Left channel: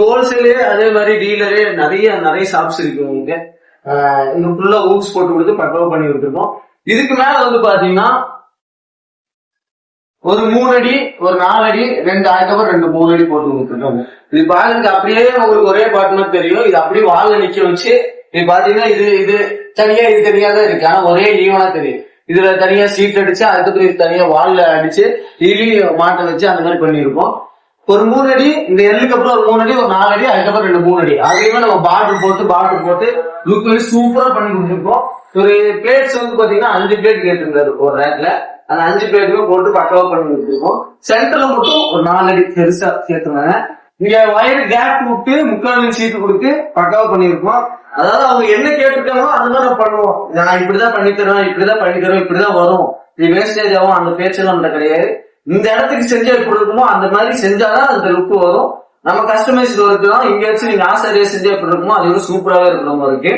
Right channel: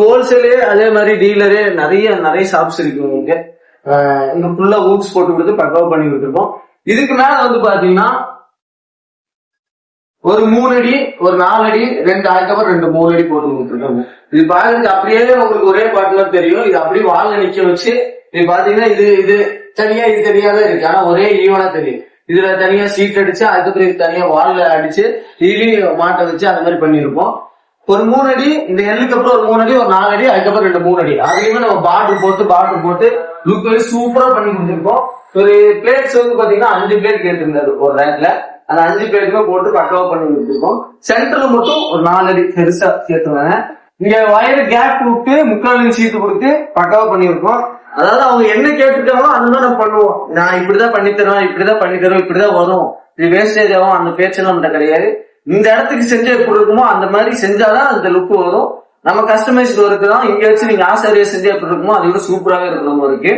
ஹோல்சேலே அதே மாதிரி டீலரு நிறைய ஷாப்ஸ் இருக்கு உங்களுக்கு. இங்க ஃபுல்லா ஊட்ஸ் போட்டு கொடுத்து பக்காவா பண்ணி கொடுத்துருக்கோம். இதுக்கு மேல வந்து பாத்தீங்கன்னா ஒரு 3 அடி, ஒரு 4 அடி, 2 அதுக்கப்புறம் 2 3 அடி போட்டு கொடுத்துருக்கோம். இது பாருங்க அப்படியே உங்களுக்கு ஒரே பார்ட்னர் தெரியும். இது அப்படியே வால்ல நிக்க வச்சு இது பாத்தீங்கன்னா இது தனியா இது தெரியாத இருக்கு. ஆனா ஒரே ஈவனா தெரியும். இதுல தனியா சீட் அடிச்சு அதுக்கப்புறம் இது தனியா வால்ல அடிச்சு இதுலயும் மாட்ட வச்சு அந்த மாதிரி பண்ணிருப்போம். ஒரு 3 அடி, இந்த எல்லுக்கு அப்புறம் ஒரு 3 அடி, ஒரு 4 அடி, அதுக்கப்புறம் 2 3 அடி. அதுலயுமே நம்ம பார்டர் போட்டு லுக் வைஸ் சூப்பரா பண்ணி கொடுத்துருக்கோம். ஒரு பிளேட்ஸ் வந்து பாத்தீங்கன்னா 5 பிளேட் கேட்டிருந்தாரு ஒரு ரேக்ல. அந்த 5 பிளேட்டுமே போட்டு பக்காவா பண்ணி கொடுத்துருக்கோம். சென்டர்ல மட்டும் ஒரு 4 அடி பெருசா சேர்த்துவாங்க. இங்க வயர் கேப் விட்டு 3/4 சீட்டு கொடுத்து பக்காவா பண்ணிருக்கோம். அதாவது அவங்க என்ன கேட்டுருக்காங்களோ அதுதான் நம்ம பண்ணுவோம். நான் இப்படிதான் பண்ணி தருவேன், இப்படிதான் வரும், இது வேஸ்டேஜ் ஆகும், அந்த பேச்செல்லாம் நம்மகிட்ட கிடையாது. இந்த இடத்துக்கு செஞ்சு எப்படி இருக்குமோ அந்த மாதிரி செஞ்சாதான் அந்த லுக் வரும். நம்ம கஸ்டமைஸ் ஒர்க்கு தான். இங்க வச்சு நீங்க ஆசாரியா செஞ்சு எப்படி இருக்குமோ அதை விட சூப்பராகவே இருக்கணும் இருக்கு.